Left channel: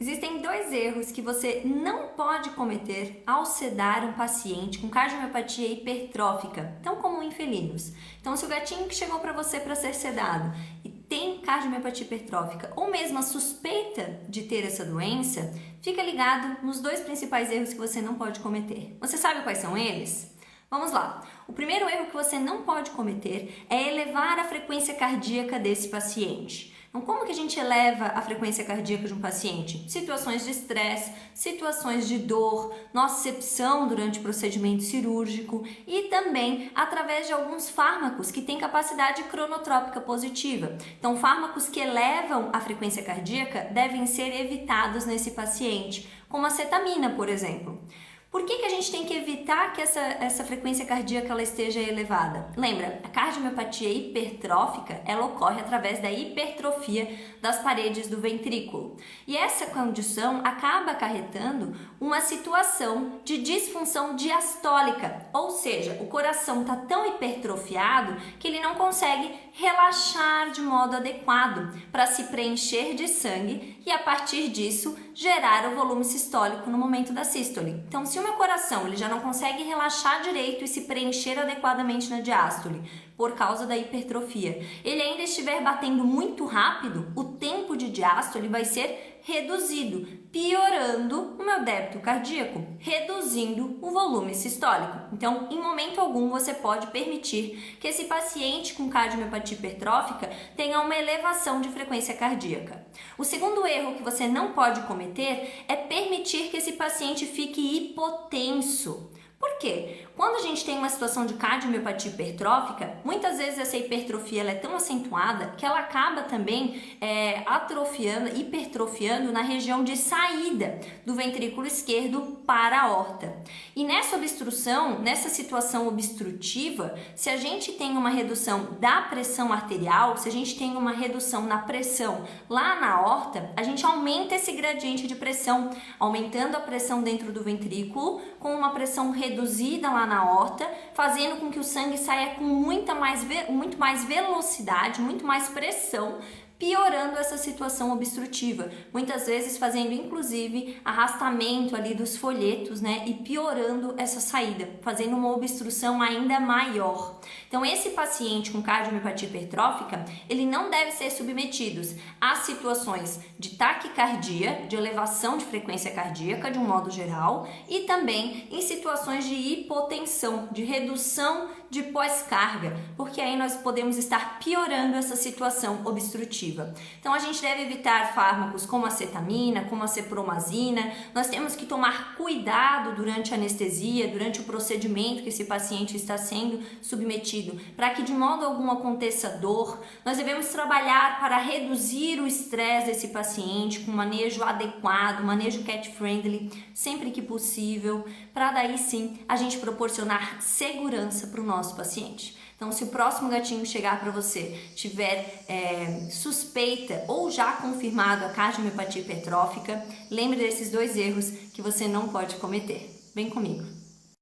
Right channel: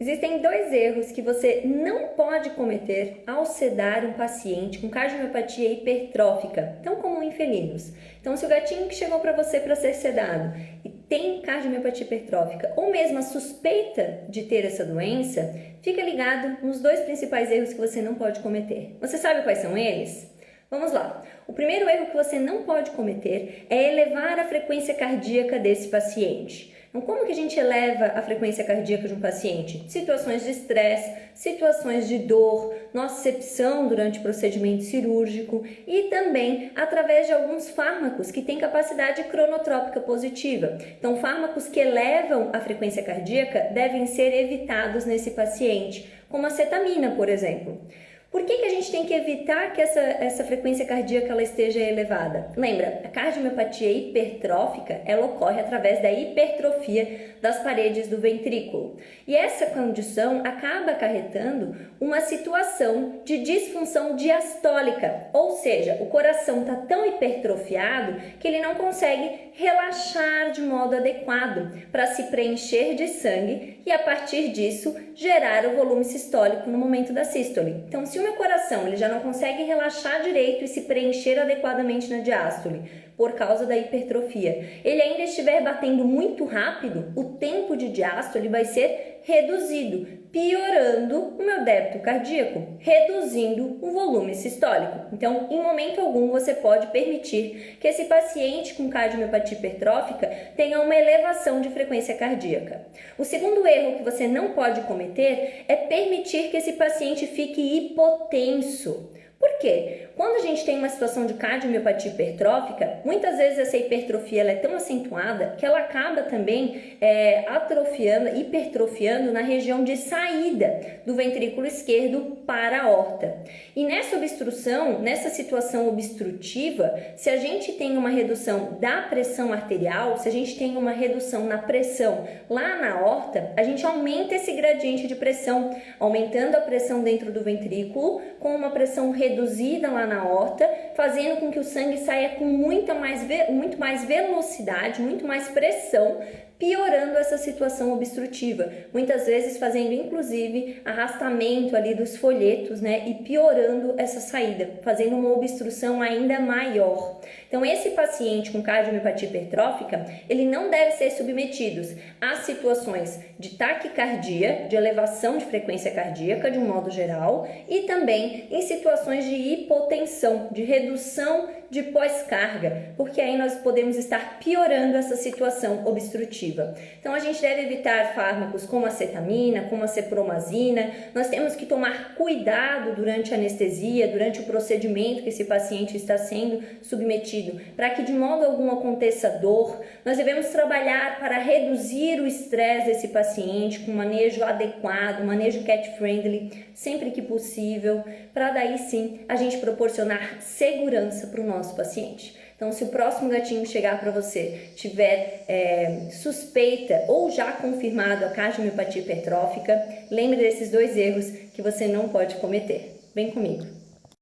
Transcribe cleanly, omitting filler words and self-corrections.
Existem dois erros que você não pode cometer ao sedar um paciente com cardiomiopatia hipertrófica, tão comum em felinos. Então, se o gatinho que chegou para você para ser sedado e tem cardiomiopatia hipertrófica ou mesmo a suspeita de ter essa doença, fica ligado nos dois principais erros que você não pode cometer. Você sabe quais são eles? Vamos lá. O primeiro erro que você não pode cometer é elevar a frequência cardíaca desse paciente. Então, como que a gente eleva a frequência cardíaca de um paciente? Situações de estresse, situações de dor, nocicepção durante o procedimento cirúrgico e também através de alguns fármacos que têm capacidade cronotrópica positiva. Então, fármacos que elevam a frequência cardíaca devem ser evitados nesse paciente, como a cetamina, por exemplo. Por que a gente tem que evitar que essa frequência cardíaca ela esteja elevada? Lembra, a cardiomiopatia hipertrófica ela ocorre através da hipertrofia das paredes do ventrículo. E essa condição acaba acarretando uma situação de disfunção diastólica, ou seja, o coração está tão hipertrofiado que ele não consegue relaxar de modo adequado para se preencher de sangue e a partir disso gerar o volume sistólico no momento da sístole. Então, se o meu coração ele já não consegue relaxar direito e se preencher adequadamente na diástole por causa da hipertrofia, ele ainda estiver batendo muito rápido, o tempo de diástole vai ser reduzido, piorando o meu débito cardíaco, reduzindo o volume sistólico. Então, em momento algum, você pode permitir que esse paciente com cardiomiopatia hipertrófica tenha uma elevação de frequência cardíaca. O segundo erro que você não pode cometer é permitir que esse paciente fique hipotenso. Por quê? Quando a gente tem uma situação de cardiomiopatia hipertrófica, muitas vezes essa hipertrofia ela é tão acentuada que ela acaba também hipertrofiando na região de saída do ventrículo esquerdo para a aorta. E nessa obstrução, nessa situação obstrutiva, se a gente tem uma redução da pressão arterial, se a gente tem uma redução na pressão lá na aorta, a gente aumenta esse gradiente de pressão, aumentando a pressão dentro do ventrículo, com uma pressão reduzida lá na aorta, fazendo com que o sangue saia com muito mais velocidade, muito mais pressão, piorando essa situação obstrutiva, muitas vezes fazendo inclusive arrastamento ali dos folhetos, né, e piorando essa saída, fazendo uma obstrução ainda maior. Então, esse paciente com cardiomiopatia hipertrófica, ele não deve ser submetido a situações de taquicardia, de elevação de frequência cardíaca de um modo geral, e também em situações de hipotensão, de redução de pós-carga, porque aí nós podemos estar piorando essa situação obstrutiva. Então, a gente deve evitar fármacos como a cetamina, como a cepromazina. Nós temos que tomar cuidado durante a anestesia, durante o procedimento que esse paciente está sendo submetido, para que de modo algum aconteça dor. Nós devemos trabalhar para reduzir o estresse desse paciente com manejo adequado, manejo cat-friendly, sempre que possível, para daí sim a gente proporcionar segurança para o nosso paciente. Então, se o próximo gatinho chegar para você tiver suspeita ou já confirmado a cardiomiopatia hipertrófica, lembre desses dois erros que você não pode cometer. Vem comigo!